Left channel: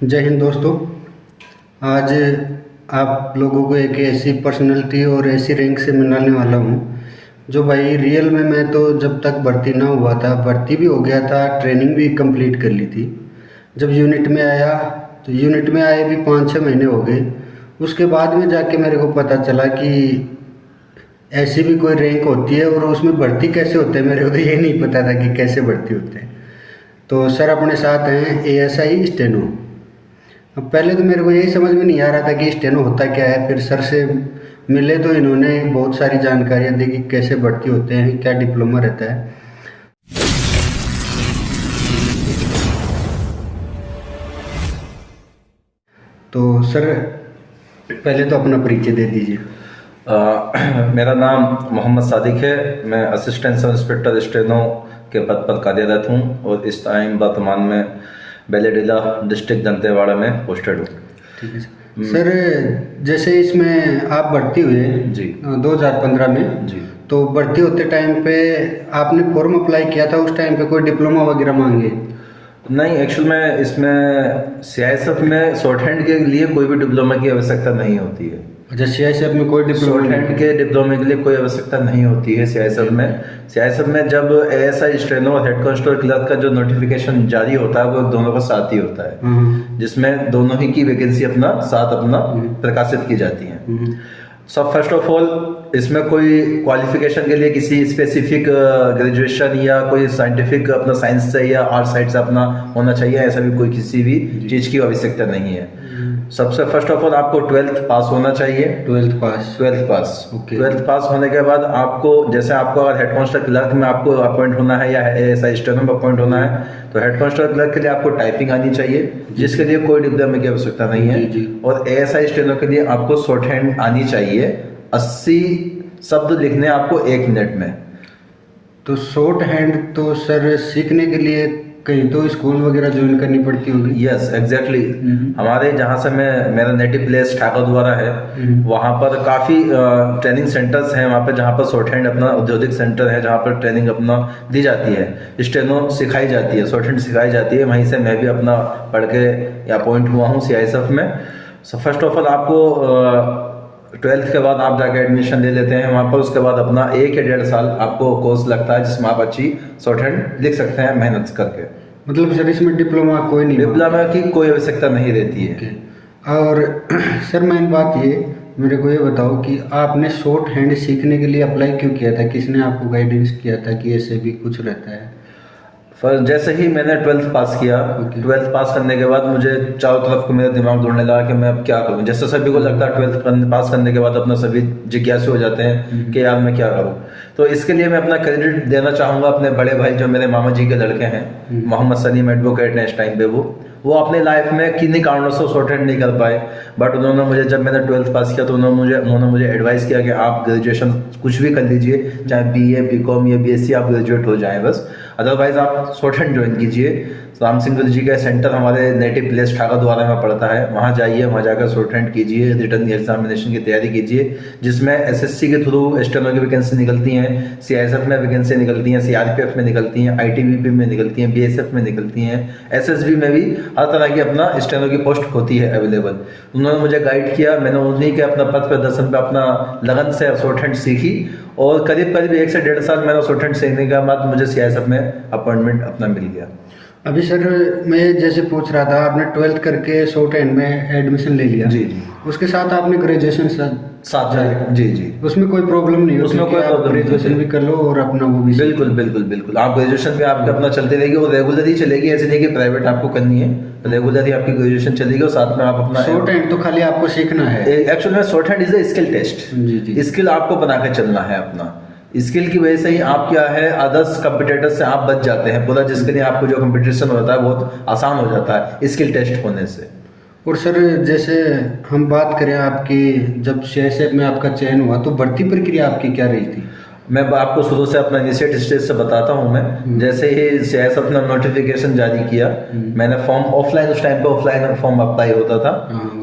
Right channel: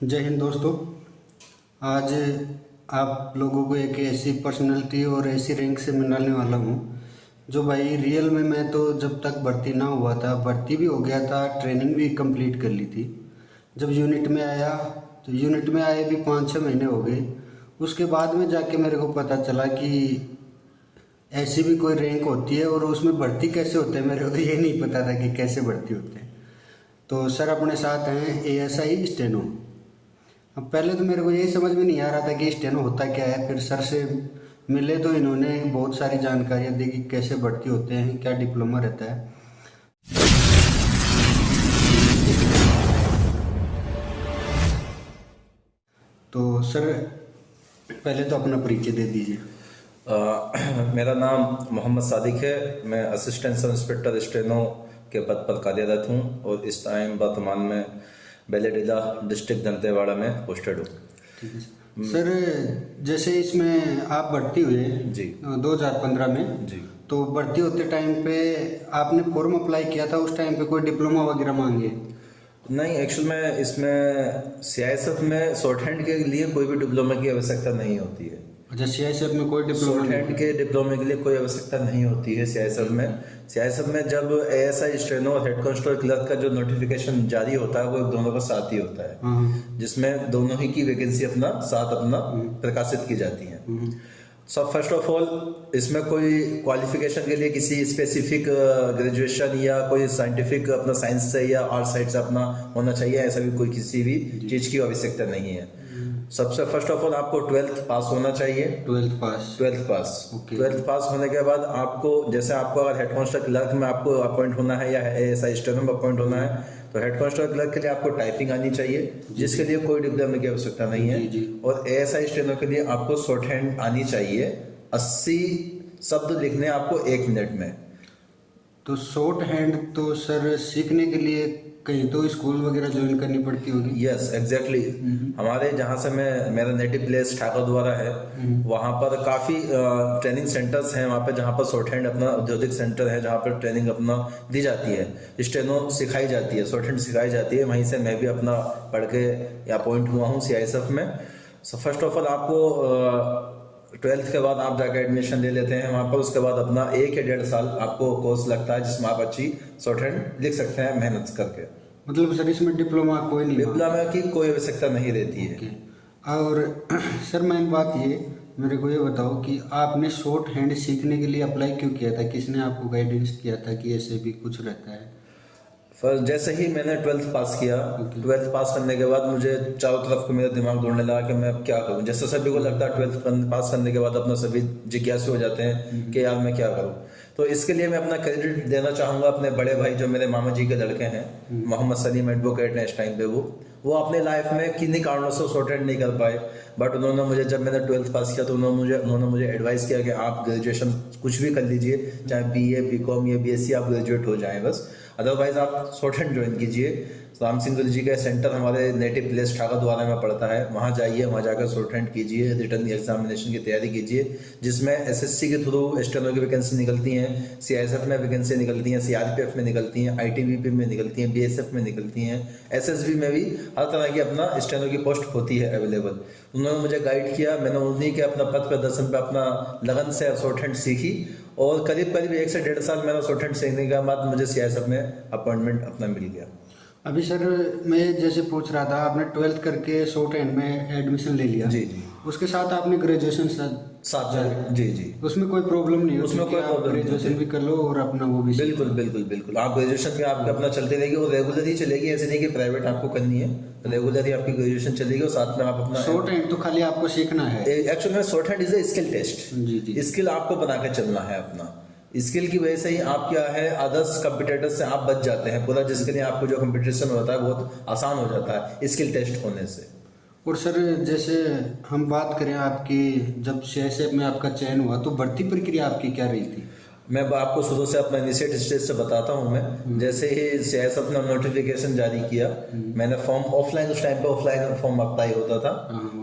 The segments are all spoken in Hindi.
जय हिंद दोस्तों। आज आप लोगों को एक ऐसी पर्सनैलिटी और ऐसी रैंक से मिलाने वाला हूँ जो भाई रियल में मैं तो जब तक भर्ती ना हुआ था, भर्ती भी हो गया था, ट्रेनिंग भी कंप्लीट कर ली थी। जब यूनिट में आया तो यूनिट में आए भी 5-6 महीने हो गए। उसके बाद में जाके मेरे को पता चला कि ऐसी भी कोई रैंक होती है और उसमें भर्ती कैसे होते हैं। मेरे को तो ये नहीं पता था कि कैसे भर्ती होते हैं। तो सर अपने साथ हैं ASI स्टेनो। अब पहले तो मेरे को यही समझ में नहीं आ रहा था कि स्टेनो होता क्या है। फिर सर से मिले तो इन्होंने बहुत सारी जानकारियाँ दी कि कैसे भर्ती होते हैं, क्या डिप्लोमा रहता है। तो सर पहले तो अपना परिचय दे दीजिए। मेरा नाम मोहम्मद सादिक है। मैं असिस्टेंट सब इंस्पेक्टर स्टेनो के पद पर कार्यरत हूँ और इस टाइम वर्तमान में बेलेडीला डिस्ट्रिक्ट दंतेवाड़ा में पोस्टेड हूँ। ठीक है सर। जैसे इसमें आप भर्ती हुए जी 2015 में, जी। तो भर्ती होते टाइम पे आपने फॉर्म अप्लाई किया था, उस टाइम पे कोई डिप्लोमा वगैरह मांगे? नहीं, एक्चुअल में इसमें CISF में शॉर्ट हैंड के लिए कोई भी डिप्लोमा की आवश्यकता नहीं होती है। अच्छा, CISF में कोई डिप्लोमा शॉर्ट हैंड के डिप्लोमे के लिए कोई आवश्यकता नहीं होती है CISF में। CISF में जब ASI स्टेनो और हेड कांस्टेबल क्लर्क का जो नोटिफिकेशन जारी होता है वो दोनों का साथ ही होता है, जिसमें दोनों ही की वैकेंसी अपना प्रकाशित की जाती है। सब फर्स्ट ऑफ ऑल इसमें कोई क्वालिफिकेशन के लिए किसी स्पेसिफिक ग्रेजुएशन या कोई साइंटिफिक अपना साइंस से या आर्ट साइड से अपना होना चाहिए, ऐसा भी कोई किसी भी चीज़ की आवश्यकता नहीं है। सबसे फर्स्ट ऑफ ऑल आपको 12th पास होना चाहिए। 12th पास। 12th पास। ओके। 12th पास होने के बाद आपको, जैसे आपको अगर हेड कांस्टेबल क्लर्क में आपको अपॉइंट होना है या ASI स्टेनो में अपॉइंट होना है, तो हेड कांस्टेबल क्लर्क के लिए आपको टाइपिंग आनी चाहिए, जिसके लिए कोई डिप्लोमा की आवश्यकता नहीं है। और ASI स्टेनो के लिए आपको शॉर्ट हैंड आनी चाहिए, 80 शब्द लिखने आपको 1 मिनट में। तो शॉर्ट हैंड तो सर सीखने के लिए कहीं तो स्कूल वगैरह ज्वाइन करनी पड़ती होगी? Yes exactly. हमारे जहाँ से मेरा नेटिव प्लेस ठाकुर द्वारा है, वहाँ पर काफ़ी ट्रेनिंग सेंटर्स हैं वहाँ पर, जहाँ पर शॉर्ट हैंड अपना औद्योगिक सेंटर है जहाँ पर ट्रेनिंग अपना दी जाती है, स्टेनो सिखाई जाती है, शॉर्ट हैंड सिखाई जाती है। वहीं से मैं भी अपना पढ़ के अपॉइंट हुआ हूँ CISF में। सो फर्स्ट ऑफ ऑल आपको 12th के बाद आप जाके एडमिशन ले लेते हैं वहाँ पर। उसके बाद अपना 1 या 1.5 साल आपको कोर्स लगता है, जिसमें आप अच्छी शॉर्ट हैंड लिख सकते हैं मेहनत करके। मतलब सर इसमें डिप्लोमा कोई नहीं? डिप्लोमा की कोई आवश्यकता नहीं रहती है। और सर मेन बात ये, मेरे को ये बताओ कि आपने शॉर्ट हैंड सीखने के लिए अप्लाई क्यों किया था? किसने आपको गाइडेंस किया था कि ऐसे भी कुछ रहता है? फर्स्ट जैसे ही मैंने 12th पास किया, 12th पास करने के बाद मुझे चारों तरफ को मेरा दिमाग दौड़ने लगा कि मैं अब क्या करूं। जैसे सभी को लगता है 12th पास करने के बाद अपना सभी जिज्ञासु हो जाते हैं कि यार मैं क्या करूं। तो इसके लिए मैं अपना क्रेडिट देना चाहूँगा अपने बड़े भाई जो मेरे मामा जी के लड़के हैं, मोहम्मद सलीम एडवोकेट हैं इस टाइम पे। वो अपने लाइफ में किन्हीं कारणों से शॉर्ट हैंड नहीं कर पाए, बट उन्होंने मुझे, जब मैंने 12th पास किया तो उन्होंने मुझे एडवाइस किया कि आप ग्रेजुएशन कुछ भी कर लीजिए, चाहे BA BCom या BSc आप ग्रेजुएट हो जाएं बस, अदरवाइज आप शॉर्ट हैंड ज्वाइन कीजिए। राम सिंह गुरु जी का सेंटर हमारे नेटिव प्लेस ठाकुर द्वारा में पड़ता है, वहाँ जाइए, वहाँ जाकर शॉर्ट हैंड कीजिए, रिटर्न एग्जामिनेशन की तैयारी कीजिए, जिसमें SSC के थ्रू स्टेनो की वैकेंसी निकलती हैं, CISF में वैकेंसी निकलती हैं, CRPF में निकलती हैं, ITBP में निकलती हैं, BSF में निकलती हैं, SSB में भी हर तरह की अपना स्टेनो की पोस्ट होती है अवेलेबल। उन्होंने मुझे गाइड किया, मैंने उन्हीं के अपना पथ प्रदर्शन पर अपना लगन से शॉर्ट हैंड सीखी और करीब 1 से 1.5 साल मैंने शॉर्ट हैंड सीखने के बाद मुझे CISF में अपॉइंटमेंट अपना मिल गया। अभी सर मैं जैसे पूछ रहा था, आपने 12th करके शॉर्ट हैंड में एडमिशन ले लिया? जी। उसके साथ आपने ग्रेजुएशन साथ जाए। जी। उसमें कोई प्रॉब्लम नहीं? उसमें कोई प्रॉब्लम, ग्रेजुएशन भी कर लो और अपना वो भी। बिल्कुल आप ग्रेजुएशन भी आपके अपना चलती रहेगी और रेगुलर ही चलेगी, ऐसे नहीं कि प्राइवेट आपको करनी है, रेगुलर ही आपकी ग्रेजुएशन चलेगी और साथ में आप अपना शॉर्ट हैंड तो खाली आपको सीखना है। एक्चुअली में short hand is a skill test. जी। स्किल आपको बना के चलना है अपना। स्किल की वजह से ही आप क्या है अदर्स कंपटीटर से आप बच जाते हैं पूरा, जिसके लिए आपको जो कंपटीशन होता है बहुत आसान हो जाता है स्किल टेस्ट होने से। और सर जैसे हम बात करें आपकी, जब CISF में आपका चयन हुआ तो भर्ती प्रक्रिया आपकी क्या रही थी? मैं आपको शुरू से अपना इनिशिएट स्टेज से बताता हूँ। मैं जैसे ही CISF ने नोटिफिकेशन जारी किया, मैंने फॉर्म ऑफलाइन, उस टाइम पे ऑफलाइन फॉर्म अप्लाई होता था,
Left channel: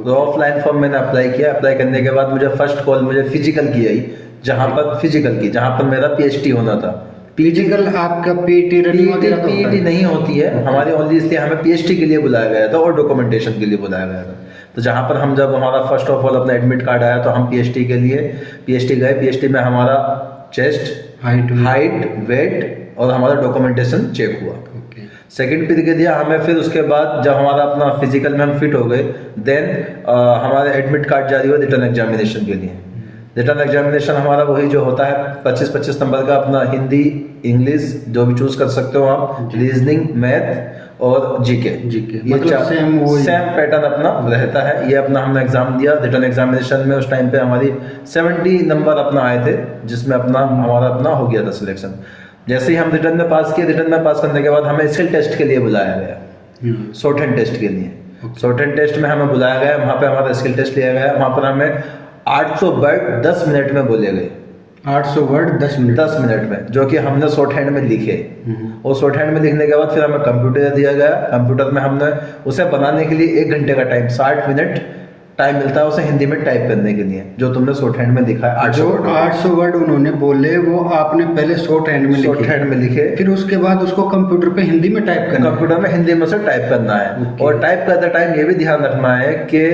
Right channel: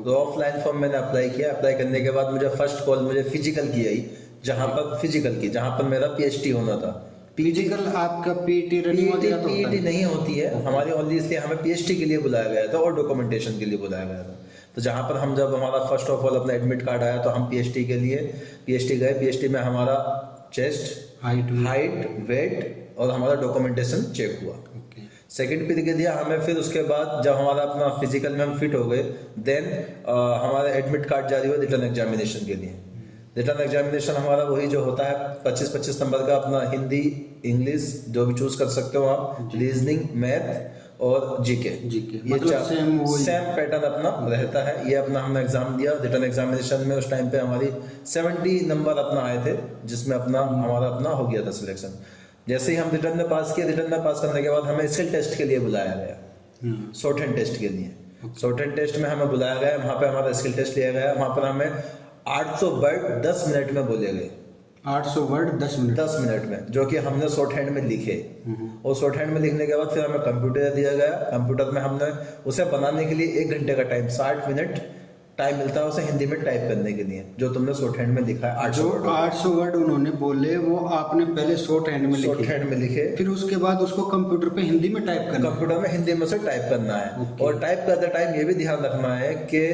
तो ऑफलाइन फॉर्म मैंने अप्लाई किया। अप्लाई करने के बाद मुझे फर्स्ट कॉल मुझे फिजिकल की आई, जहाँ पर मेरा PhD होना था, फिजिकल आपका पीटी रनिंग वगैरह तो होता पीटी है? नहीं होती है हमारी ओनली, इसलिए हमें पीएचडी के लिए बुलाया गया था और डॉक्यूमेंटेशन के लिए बुलाया गया था। तो जहाँ पर हम जब हमारा फर्स्ट ऑफ ऑल अपना एडमिट कार्ड आया तो हम पीएचडी के लिए पीएचडी गए। पीएचडी में हमारा चेस्ट, हाइट, वेट और हमारा डॉक्यूमेंटेशन चेक हुआ। ओके। सेकंड पीरियड दिया हमें, फिर उसके बाद जब हमारा अपना फिजिकल में हम फिट हो गए, देन हमारा एडमिट कार्ड जारी हुआ रिटर्न एग्जामिनेशन के लिए। रिटर्न एग्जामिनेशन हमारा वही जो होता है 25-25 नंबर का, अपना हिंदी, इंग्लिश जो भी चूज कर सकते हो आप, रीजनिंग, मैथ और जीके। मतलब सेम पैटर्न अपना रहता है। ये अपना हमने एग्जाम दिया। रिटर्न एग्जामिनेशन में उस टाइम पे हमारी 70 नंबर अपना आए थे, जिसमें अपना हमारा अपना हो गया था सिलेक्शन। जैसे ही हम रिटर्न में पास किए, रिटर्न में पास करने के बाद हमें स्किल टेस्ट के लिए बुलाया गया, शॉर्ट हैंड टेस्ट के लिए। शॉर्ट हैंड टेस्ट में हमें बुलाया गया, वहाँ पे हमारा स्किल टेस्ट लिया गया। वहाँ पर हमें 800 वर्ड 10 मिनट में बोले गए। 800 वर्ड 10 मिनट में, जो कि हमने शॉर्ट हैंड में लिखे। और शॉर्ट हैंड में लिखने के बाद फिर हमें कंप्यूटर दिया गया। कंप्यूटर में हमने उसे बनाने के लिए 1 घंटे का टाइम, 60 मिनट टाइम मिलता है उसे हिंदी में टाइप करने के लिए, जो तुमने शॉर्ट हैंड में लिखा है। 800 वर्ड उन्होंने बोले, वो आपने पहले शॉर्ट हैंड में लिखे, फिर उसके बाद उसको कंप्यूटर पे हिंदी में टाइप करना, कंप्यूटर में हिंदी में से टाइप करना है। और टाइप करते टाइम ये भी ध्यान रखना है कि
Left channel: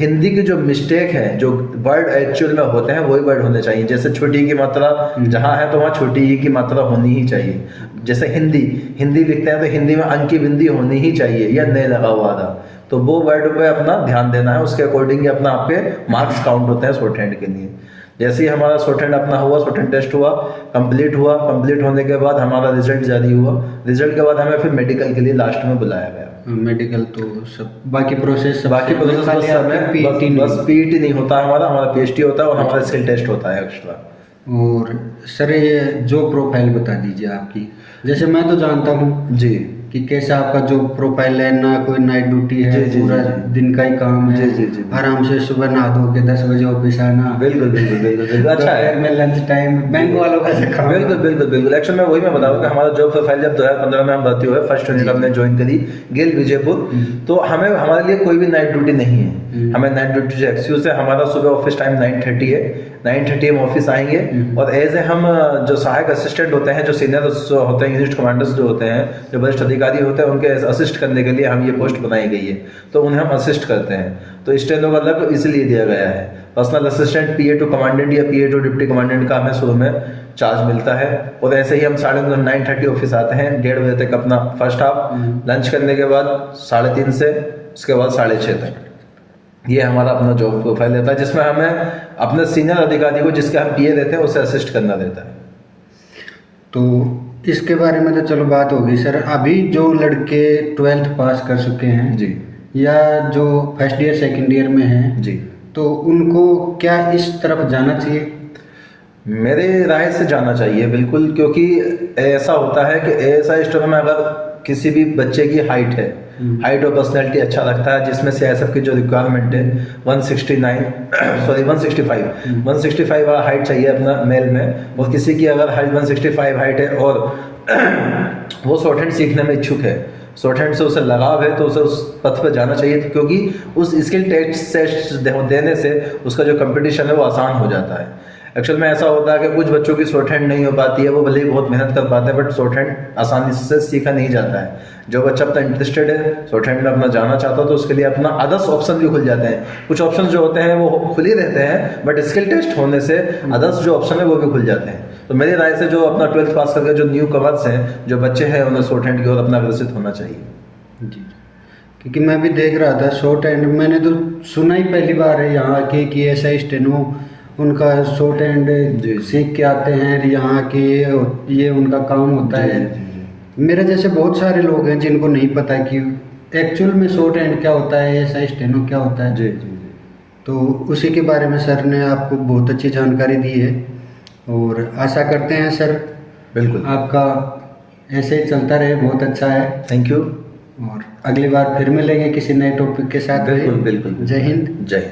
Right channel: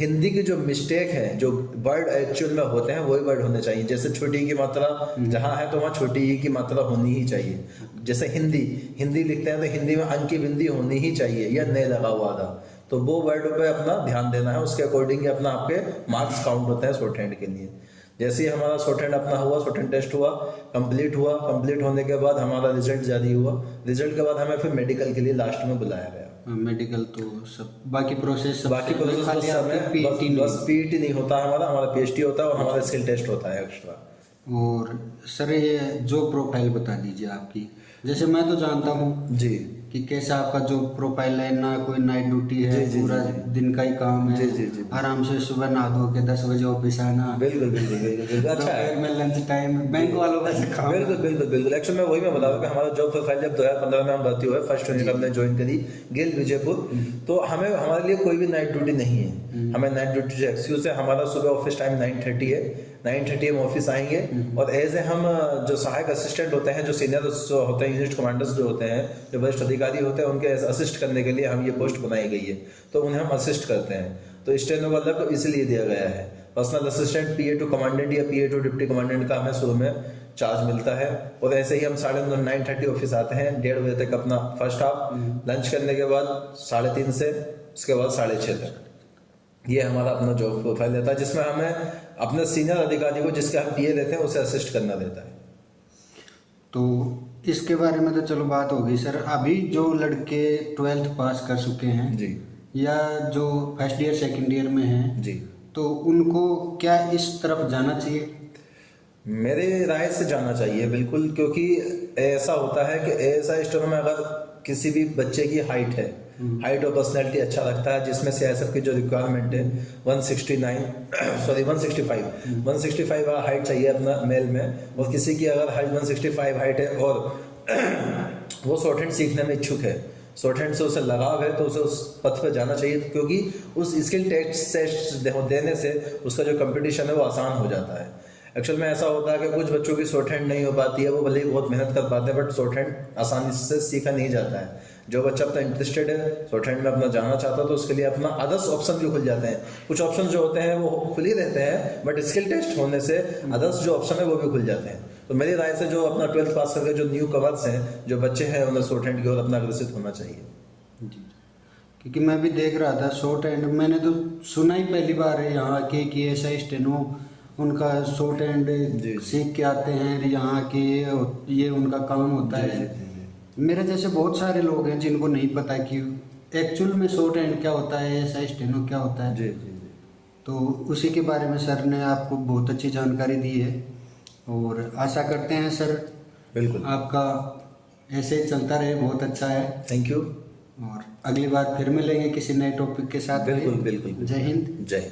हिंदी की जो मिस्टेक है, जो वर्ड एक्चुअल में होते हैं वही वर्ड होने चाहिए। जैसे छोटी की मात्रा जहाँ है तो वहाँ छोटी ही की मात्रा होनी ही चाहिए। जैसे हिंदी लिखते हैं तो हिंदी में अन की बिंदी होनी ही चाहिए, या नहीं लगा हुआ था, तो वो वर्ड पे अपना ध्यान देना है। उसके अकॉर्डिंग अपना आपके मार्क्स काउंट होते हैं शॉर्ट हैंड के लिए। जैसे ही हमारा शॉर्ट हैंड अपना हुआ, शॉर्ट हैंड टेस्ट हुआ, कंप्लीट होने के बाद हमारा रिजल्ट जारी हुआ। रिजल्ट के बाद हमें फिर मेडिकल के लिए लास्ट में बुलाया गया। मेडिकल तो सब बाकी प्रोसेस बस पीटी नहीं होता हमारा पीएचडी होता है और हमारा स्किल टेस्ट होता है एक्स्ट्रा। और सर ये जो प्रोफाइल बता दीजिए आपकी, जैसे मैं तो जानता हूँ जी कि कैसा आपका जो प्रोफाइल है, ना कोई नाइट ड्यूटी है, पूरा दिन का ही काम है। आराम से सुबह नहा धो के 10 बजे ऑफिस आना, बिल्कुल अच्छा है। में लंच टाइम, बैंक वालों का काम। बिल्कुल एक्चुअल में वही मैं बताऊँ कि हमारा जॉब प्रोफाइल जब 2015 में हम भर्ती हुए, फर्स्ट यूनिट हमने ज्वाइन करी गेल विजयपुर, तो हमारे लिए कोई भी नाइट ड्यूटी नहीं है। हमें नाइट ड्यूटी जो एक्सक्यूज है, हमारा सुबह ऑफिस टाइम 9:30 है। 9:30 हम ऑफिस आएंगे और एज ए हम जो सहायक असिस्टेंट होते हैं, जो सीनियर होते हैं, यूनिट कमांडर्स जो होते हैं, जो वरिष्ठ अधिकारी होते हैं, उनके असिस्ट करने के लिए हम ये पोस्ट बनाई गई है, तो उन्हें हम असिस्ट करते हैं। तो स्टेनो का अलग इसलिए दिया गया है। Personal assistant PA to commandant या PA टू डिप्टी कमांडेंट का हमें शुरू में चार्ज मिलता है। और ऐसे ही हम 9:30 ऑफिस आते हैं, 1:30 बजे तक अपना फर्स्ट हाफ, लंच करने के बाद 3:30 से उसके बाद 6:30 तक ये हमारा अपना जॉब प्रोफाइल रहता है, जिसमें हमें अपने सीनियर अधिकारी को, जिसके हम PA रहते हैं, उसे असिस्ट करना रहता है। तो इसके बारे में तो चलो बात होगी सर। अभी जो लड़के 12th पास कर चुके हैं जी, या जो फर्स्ट ईयर सेकंड ईयर में हैं जी, तो उनको क्या इस तरफ जाना चाहिए? मेरे राय से जाना चाहिए बिल्कुल, क्योंकि ऐसा होता है कि ऐसा स्टोर में अगर किसी भी बच्चे की हाइट है, हाइट और पर्सनैलिटी अच्छा लगता है, जिसमें CISF की जो रिक्वायरमेंट है 165 वाला हाइट चाहिए अपना मेल में, और किसी की अगर हाइट 165 हाइट है और वो शॉर्ट हैंड सीखने में इच्छुक है, शॉर्ट हैंड से उसे लगाव है, तो उसे उस पथ पर जाना चाहिए, क्योंकि उस स्किल टेस्ट देने से उसका जो कंपटीशन है वो आसान हो जाता है। एक्चुअल में ऐसा होता है कि कुछ बच्चों की शॉर्ट हैंड नहीं हो पाती है, वो भले ही बहुत मेहनत कर पाते हैं, बट शॉर्ट हैंड आसानी से सीखा नहीं जाता है। जो बच्चा अपना इंटरेस्टेड है, शॉर्ट हैंड में अपना जाना चाहता है, तो उसके लिए अपना अदर्स ऑप्शन भी खुल जाते हैं। कुछ ऑप्शन जो होते हैं वो खुल ही रहते हैं, बट स्किल टेस्ट होने से अदर्स जो ऑप्शन है वो भी खुल जाते हैं। तो मेरी राय से जो अपना 12th पास करके जो न्यू कवर्स हैं, जो बच्चे हैं, उन्हें शॉर्ट हैंड की ओर अपना अग्रसित होना चाहिए। जी, क्योंकि मैं भी देख रहा था शॉर्ट हैंड, मैंने तो सुना ही पहली बार है यहाँ के कि ऐसा स्टेनो उनका शॉर्ट हैंड सीख के आते हैं यहाँ के, ये उनका काम होता है। मेरे जैसे बहुत सारे लोग हैं जिनको नहीं पता कि एक्चुअल में शॉर्ट हैंड क्या होता है, ऐसा स्टेनो क्या होता है। जी, तो उसी के बारे में सर ने आपको बहुत अच्छी जानकारी दी है, और आशा करते हैं सर बिल्कुल आपका ऐसे ही चलता रहे, बहुत अच्छा है। Thank you. और अगली बार फिर मिलेंगे किसी नए टॉपिक के साथ। बिल्कुल। जय हिंद। जय